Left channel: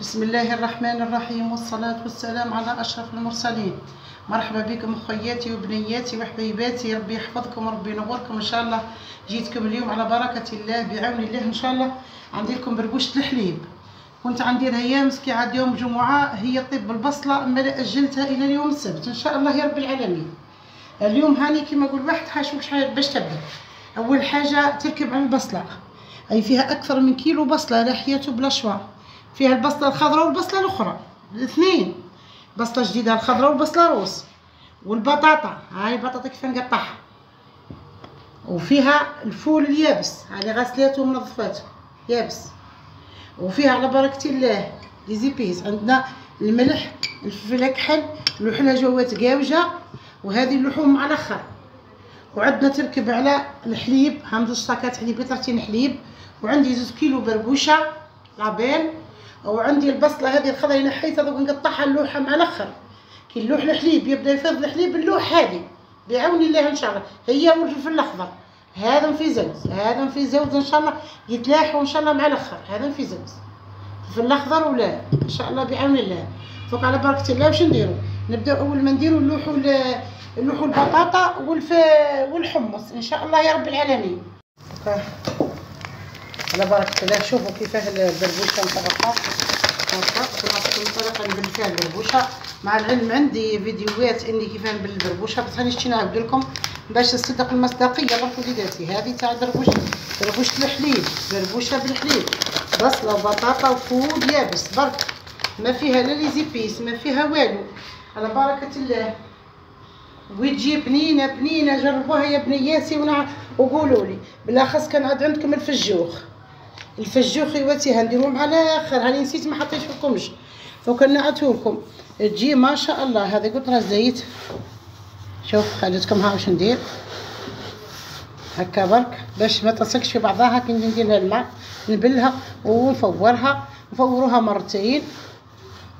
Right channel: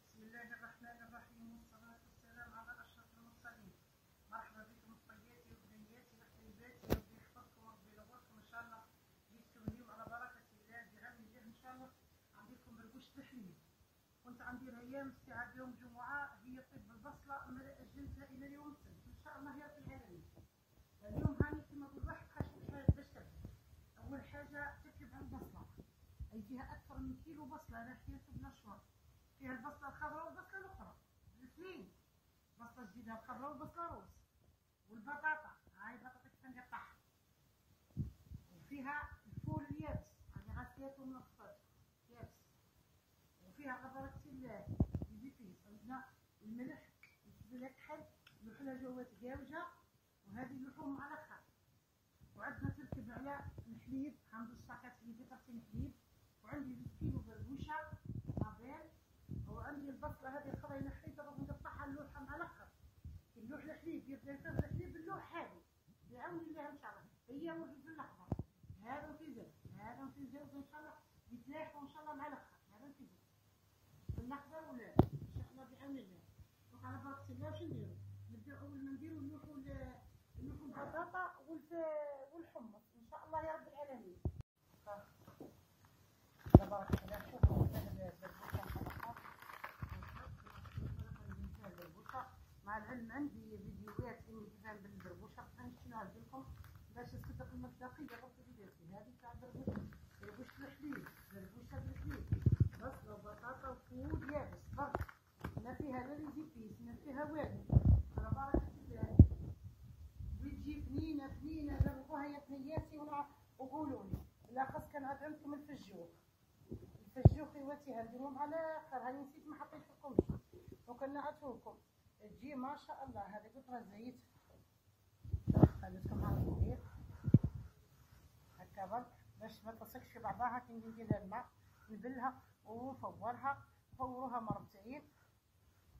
بسم الله الرحمن الرحيم، والصلاة والسلام على أشرف المرسلين. مرحبا بكم أخوياتي وبنياتي وحبيباتي، ربي يحفظكم وربي ينوركم إن شاء الله. جيتكم اليوم على بركة الله بعون الله إن شاء الله. عندي لكم بربوشة الحليب، كنت عندي لها أيام مسكي عاد يوم جمعة هي طيب بالبصلة، أما أجلتها إلى اليوم السبت إن شاء الله يا رب العالمين. اليوم هاني كما نقول واحد حاشوش باش تبدا. أول حاجة تركب على البصلة، أي فيها أكثر من كيلو بصلة لا حياة بلا شوا. فيها البصله الخضراء والبصله الاخرى الاثنين، بصله جديده الخضراء والبصله روس، والبطاطا هاي البطاطا كيف نقطعها، وفيها الفول اليابس هاي غسلته ومنظفاته يابس، وفيها على بركه الله لي زيبيس. عندنا الملح، الفلفل الاكحل، اللحله جوات قاوجه، وهذه اللحوم مع الاخر. وعندنا تركب على الحليب، هم 2 صاكات حليب لترتين حليب، وعندي 2 كيلو بربوشه لابيل، وعندي البصله هذه الخضراء اللي نحيتها دوك نقطعها اللوحه مع الاخر. كي نلوح الحليب يبدا يفيض الحليب اللوح هذه بعون الله ان شاء الله، هي والفلفل الاخضر هذا في زوز، هذا في زوز ان شاء الله يتلاحوا ان شاء الله مع الاخر. هذا في زوز الفلفل الاخضر ولا ان شاء الله بعون الله. فوق على بركه الله واش نديروا؟ نبداو اول ما نديروا نلوحوا البطاطا والحمص ان شاء الله يا رب العالمين. على بركة الله. شوفوا كيفاه البربوشة مطرقة هكا، مطرقة نبل فيها البربوشة. مع العلم عندي فيديوهات اني كيفاه نبل البربوشة، بصح راني شتي نعاود لكم باش تصدق المصداقية برك وليداتي. هذه تاع بربوشة الحليب، بربوشة بالحليب، بصلة وبطاطا وفول يابس برك، ما فيها لا لي زيبيس ما فيها والو، على بركة الله. وتجي بنينة بنينة، جربوها يا بنياتي وقولوا لي. بالاخص كان عاد عندكم الفجوخ يواتيها نديروه مع الاخر، هاني نسيت ما حطيتش لكمش فكان نعتو لكم. تجي ما شاء الله. هذه قطره زيت، شوف خليتكم ها واش ندير هكا برك باش ما تلصقش في بعضها. كي ندير لها الماء نبلها نفوروها مرتين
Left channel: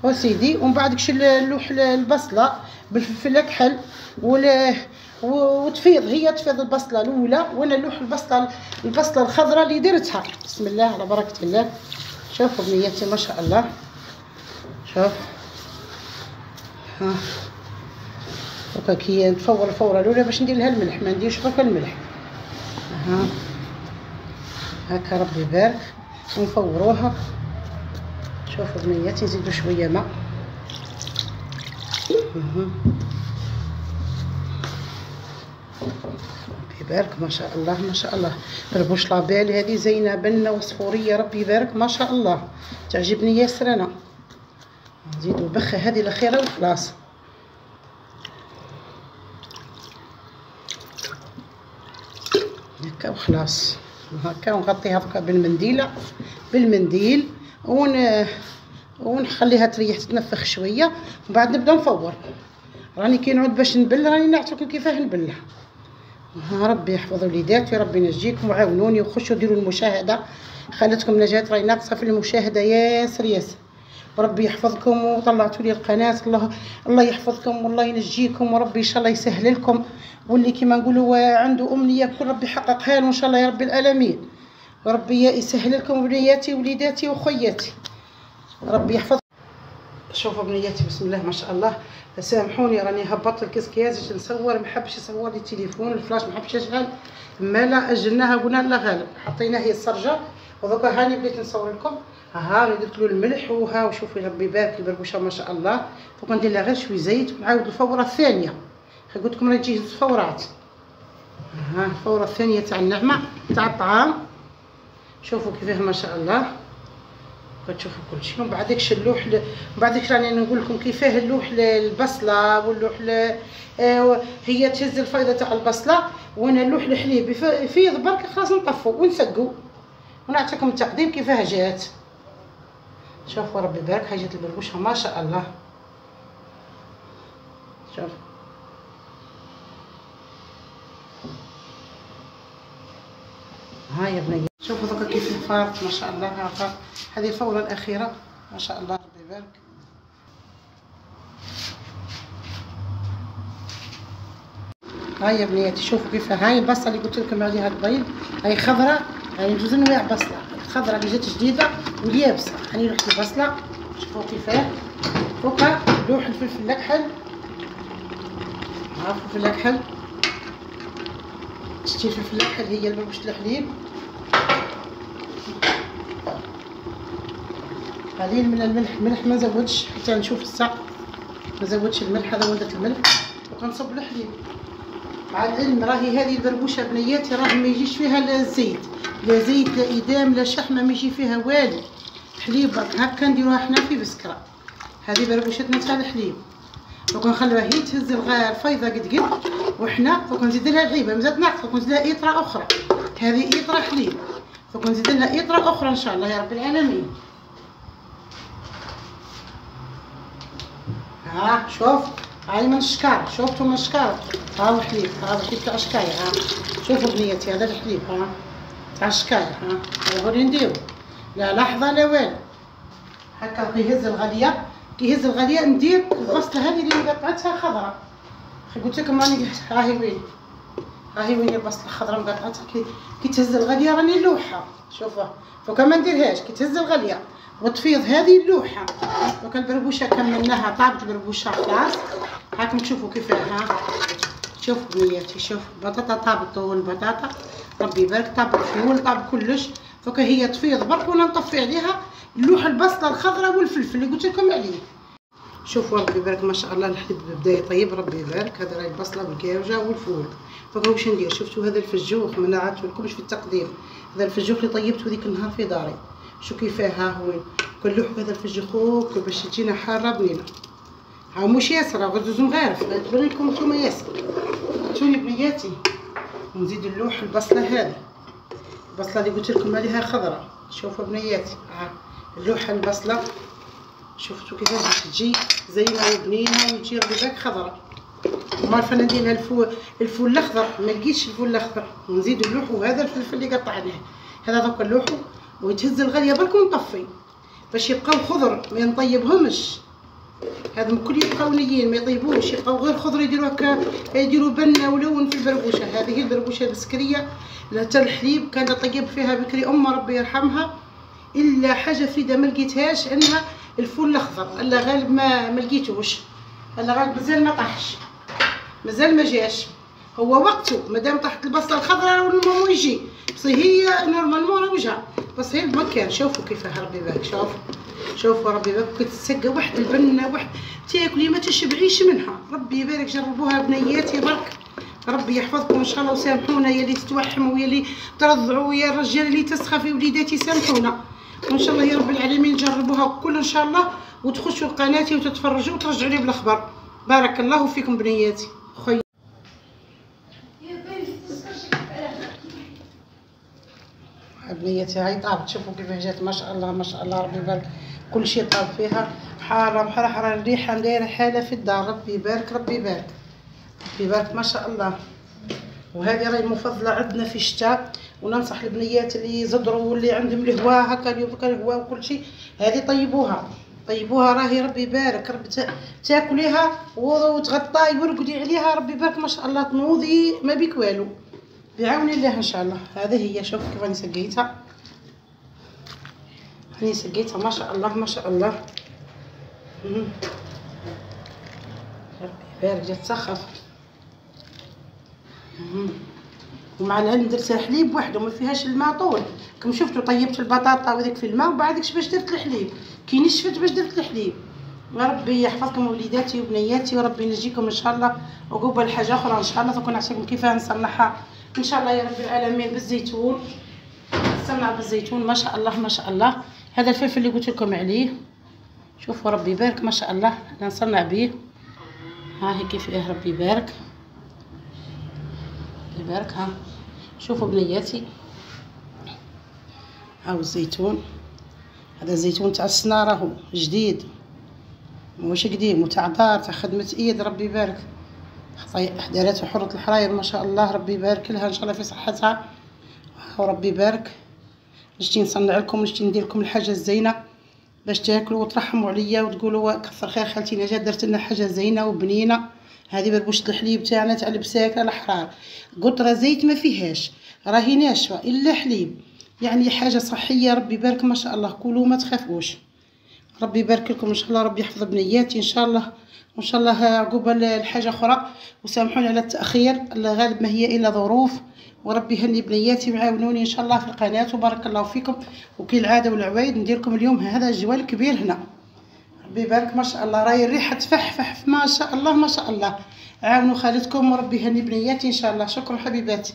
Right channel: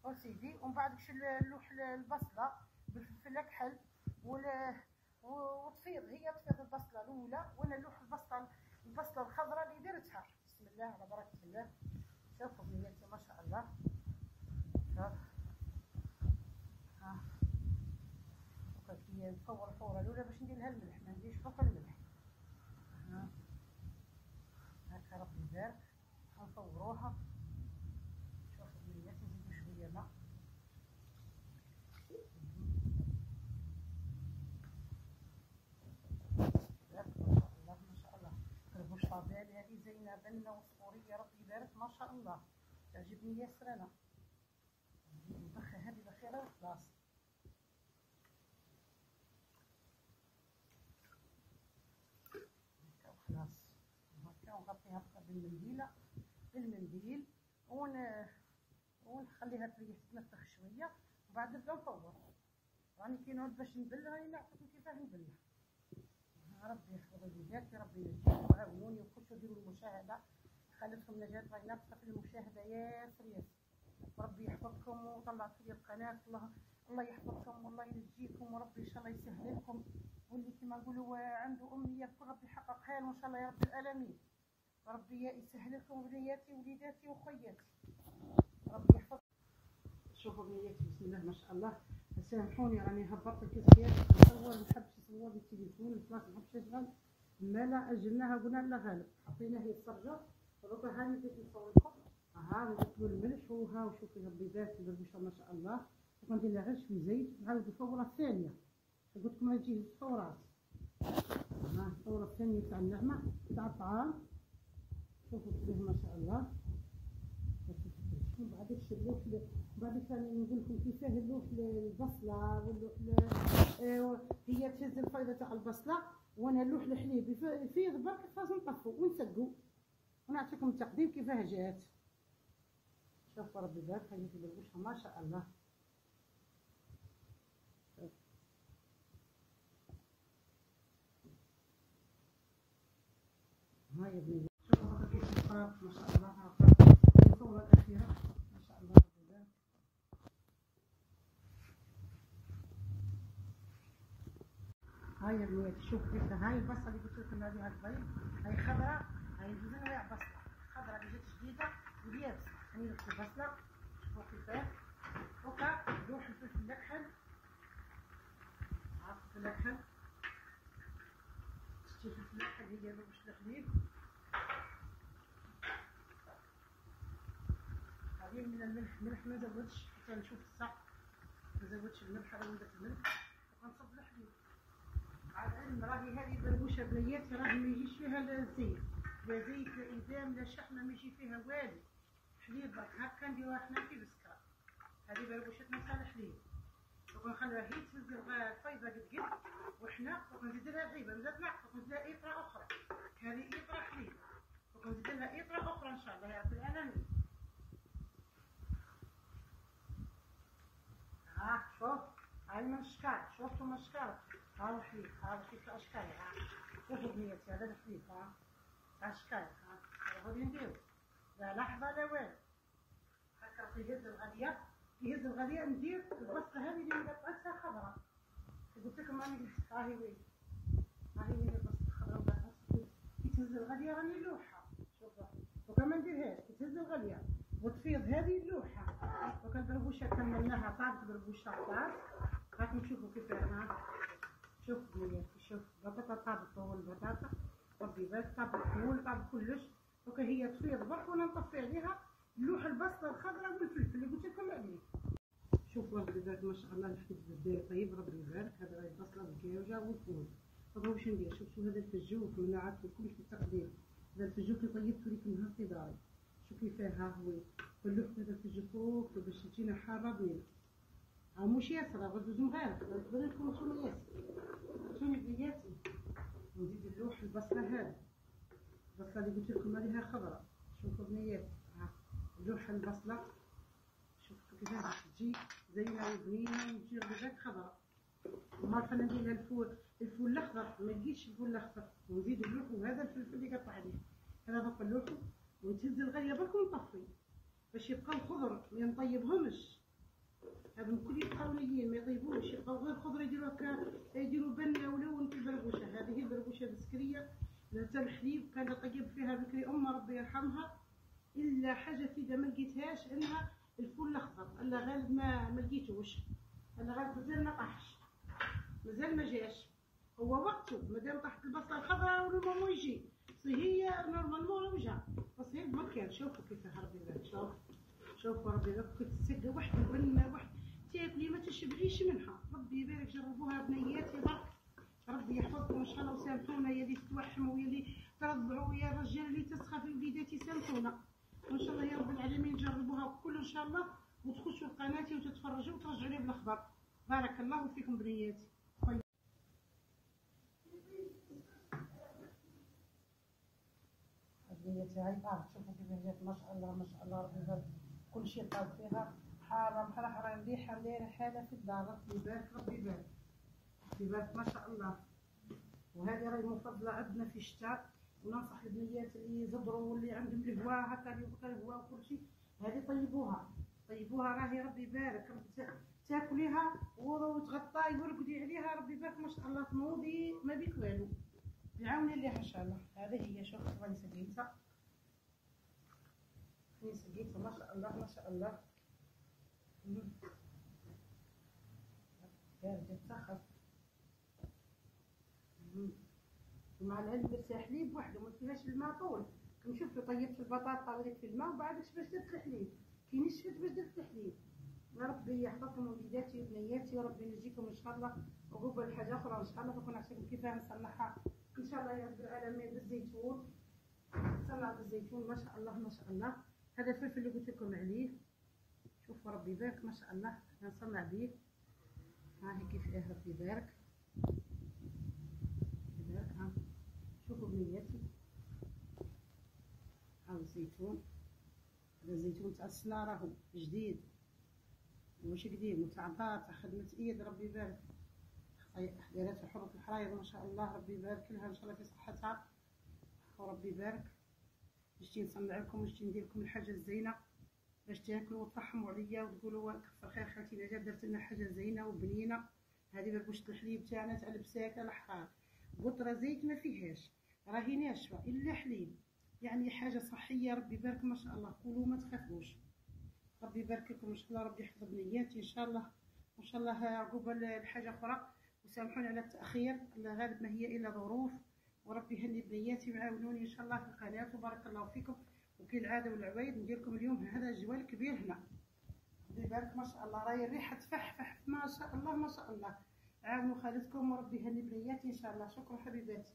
وسيدي، ومن بعد كش نلوح البصله بالفلفل الاكحل وتفيض، هي تفيض البصله الاولى وانا نلوح البصله الخضراء اللي درتها. بسم الله على بركه الله. شوفوا بنياتي ما شاء الله، شوف ها هكا كي نفور الفوره الاولى باش ندير لها الملح، ما نديرش برك الملح. ها هكا ربي يبارك، ونفوروها. شوفوا بنياتي نزيدوا شويه ماء. يبارك ما شاء الله ما شاء الله. بربوش لابيل هذه زينه بنه وصفوريه، ربي يبارك ما شاء الله، تعجبني ياسر انا. نزيدوا البخه هذه الاخيره وخلاص. هكا وخلاص، هكا ونغطيها هكا بالمنديل ونخليها تريح تتنفخ شويه، ومن بعد نبدا نفور. راني كي نعود باش نبل راني نعطيكم كيفاه نبلها. ربي يحفظ وليداتي، ربي ينجيكم وعاونوني وخشوا ديروا المشاهده. خالتكم نجاة راهي ناقصه في المشاهده ياسر، وربي يحفظكم. وطلعتوا لي القناه، الله يحفظكم والله ينجيكم، وربي ان شاء الله يسهل لكم. واللي كما نقولوا عنده امنيه كل ربي يحققها له ان شاء الله يا رب العالمين. وربي يسهل لكم بنياتي وليداتي وخياتي، ربي يحفظ. شوفوا بنياتي بسم الله ما شاء الله. سامحوني راني هبطت الكسكيات باش نصور، ما حبش يصور لي التليفون الفلاش، ما حبش يشغل، ما لا اجلناها قلنا لا غالب حطيناه هي السرجه. ودوكا هاني بديت نصور لكم. ها درت له الملح وها، وشوفي ربي يبارك البربوشه ما شاء الله. دوكا ندير لها غير شويه زيت ونعاود الفوره الثانيه. قلت لكم راه تجي 2 فورات. ها الفوره الثانيه تاع النعمه تاع الطعام. شوفوا كيفاه ما شاء الله، كتشوفوا كلشي. ومن بعد داكشي اللوح، من بعد داك راني نقول لكم كيفاه اللوح البصله واللوح هي تهز الفيضه تاع البصله، وانا اللوح الحليب يفيض برك خلاص نطفوا ونسقوا ونعطيكم التقديم كيفاه جات. شوفوا ربي يبارك، هاي جات البربوشه ما شاء الله. شوف هاي يا بنية، شوفوا دوكا كيف فارت ما شاء الله. هذه الفوره الاخيره ما شاء الله ربي يبارك. هاي يا بنياتي شوفوا كيف هاي البصله اللي قلت لكم عليها البيض، هاي خضراء، هاي جوج انواع بصله، الخضراء اللي جات جديده واليابسه. هاني رحت البصله شوفوا كيفاه فوقها لوح الفلفل الاكحل. ها الفلفل الاكحل، شتي الفلفل الاكحل هي بربوشة الحليب. قليل من الملح ما زودش حتى نشوف الساق، ما زودش الملح، هذا ولدت الملح. وكنصب الحليب. مع العلم راهي هذه البربوشه بنياتي راه ما يجيش فيها لا زيت لا زيت لا ادام لا شحمه، ما يجي فيها والو. حليب هكا نديروها حنا في بسكره. هذه بربوشتنا تاع الحليب. وكنخلوها هي تهز الفيضه قد وحنا وكنزيد لها العيبه مزال ناقصه، وكنزيد لها اطره اخرى. هذه اطره حليب، وكنزيد لها اطره اخرى ان شاء الله يا رب العالمين. ها شوف هاي من الشكار، شوفتوا من الشكار. ها هو حليب، هذا حليب تاع الشكاية. ها شوفوا بنياتي هذا الحليب ها تاع الشكاية. ها هذا هو اللي نديرو، لا لحظة لا والو. هكا كيهز الغلية، كيهز الغلية ندير البصلة هذه اللي مقطعتها خضراء. قلت لكم راني هاهي وين، هاهي وين البصلة الخضراء مقطعتها. كي تهز الغلية راني نلوحها. شوفوا فوق ما نديرهاش، كي تهز الغلية وتفيض هذه اللوحه. دوك البربوشه كملناها، طابت البربوشه خلاص. هاكم تشوفوا كيفاه. ها شوفوا بنياتي، شوف البطاطا طابت، والبطاطا ربي يبارك طاب الفول طاب كلش. دوك هي تفيض برك وانا نطفي عليها اللوحه البصله الخضراء والفلفل اللي قلت لكم عليه. شوفوا ربي يبارك ما شاء الله الحليب بدا يطيب ربي يبارك. هذا راهي البصله والكاوجه والفول. دوك واش ندير، شفتوا هذا الفجوخ ما نعرفلكمش في التقديم. هذا الفجوخ اللي طيبته ذيك النهار في داري. شو كيفاه. ها هو كنلوحو هذا الفجخوك باش تجينا حاره بنينه. ها مش ياسر غير دوزو مغارف، تبان لكم نتوما ياسر. شوفي بنياتي ونزيد نلوح البصله هذه، البصله اللي قلت لكم عليها خضراء. شوفوا بنياتي ها نلوح البصله. شفتوا كيفاه باش تجي زينه وبنينه وتجي ربيباك خضراء. وما عرفه ندير لها الفول الاخضر، ما لقيتش الفول الاخضر. ونزيد نلوحو هذا الفلفل اللي قطعناه. هذا دوك نلوحو ويتهز الغليه برك ونطفي باش يبقاو خضر، ما نطيبهمش. هذا الكل يبقاو نيين ما يطيبوش، يبقاو غير خضر. يديروا هكا يديروا بنه ولون في البربوشه. هذه هي البربوشه البسكريه تاع الحليب. كانت طيب فيها بكري ربي يرحمها. الا حاجه فريده ما لقيتهاش انها الفول الاخضر. الا غالب ما لقيتوش، الا غالب مازال ما طاحش، مازال ما جاش. هو وقته مادام طاحت البصله الخضراء والمامو يجي، بس هي نورمالمون راه وجهها، بس هي بمكان. شوفوا كيفاه ربي يبارك. شوفوا ربي يبارك. كتسقى واحد البنه واحد تاكلي ما تشبعيش منها. ربي يبارك جربوها بنياتي برك. ربي يحفظكم ان شاء الله. وسامحونا يا اللي تتوحموا ويا اللي ترضعوا ويا الرجال اللي تسخفي وليداتي، سامحونا. وان شاء الله يا رب العالمين جربوها كل ان شاء الله، وتخشوا لقناتي وتتفرجوا وترجعوا لي بالاخبار. بارك الله فيكم بنياتي. خويا بنياتي هاي طابت. شوفوا كيفاه جات ما شاء الله ما شاء الله ربي يبارك. كل شيء طاب فيها حاره محرحره، الريحه دايره حاله في الدار. ربي يبارك ربي يبارك ربي يبارك ما شاء الله. وهذه راهي مفضله عندنا في الشتاء. وننصح البنيات اللي يزدروا واللي عندهم الهواء هكا اليوم الهواء وكل شيء، هذه طيبوها راهي ربي يبارك. ربي تاكليها وتغطاي ورقدي عليها ربي يبارك ما شاء الله، تنوضي ما بيك والو بعون الله ان شاء الله. هذه هي. شوف كيف راني سقيتها، راني سقيتها ما شاء الله ما شاء الله. ربي يبارك جات تسخف. ومع العلم درتها حليب وحده ما فيهاش الماء طول. كم شفتوا طيبت البطاطا وذيك في الماء وبعدك باش درت الحليب كي نشفت باش درت الحليب. وربي يحفظكم وليداتي وبنياتي وربي ينجيكم ان شاء الله. وقبل حاجه اخرى ان شاء الله تكون نعطيكم كيفاه نصنعها ان شاء الله يا رب العالمين بالزيتون. نصنع بالزيتون ما شاء الله ما شاء الله. هذا الفلفل اللي قلت لكم عليه شوفوا ربي يبارك ما شاء الله انا نصنع به. ها هي كيفاه ربي يبارك يبارك. ها شوفوا بنياتي هاو الزيتون. هذا الزيتون تاع السنه راهو جديد مش قديم وتاع دار تاع خدمه ايد ربي يبارك. دارته حرة الحراير ما شاء الله ربي يبارك لها ان شاء الله في صحتها وربي يبارك. نجي نصنع لكم نجي ندير لكم الحاجه الزينه باش تاكلوا وترحموا عليا وتقولوا كثر خير خالتي نجاة درت لنا حاجه زينه وبنينه. هذه بربوشه الحليب تاعنا تاع البساكه الحرار، قطره زيت ما فيهاش، راهي ناشفه الا حليب، يعني حاجه صحيه ربي يبارك ما شاء الله. كلوا ما تخافوش ربي يبارك لكم ان شاء الله، ربي يحفظ بنياتي ان شاء الله، وان شاء الله عقوبه الحاجه اخرى. وسامحوني على التاخير، الغالب ما هي الا ظروف، وربي يهني بنياتي ويعاونوني ان شاء الله في القناه. وبارك الله فيكم. وكي العاده والعوايد ندير لكم اليوم هذا الجوال كبير هنا. ربي يبارك ما شاء الله، راهي الريحه تفحفح ما شاء الله ما شاء الله. عاونوا خالتكم وربي يهني بنياتي ان شاء الله. شكرا حبيباتي.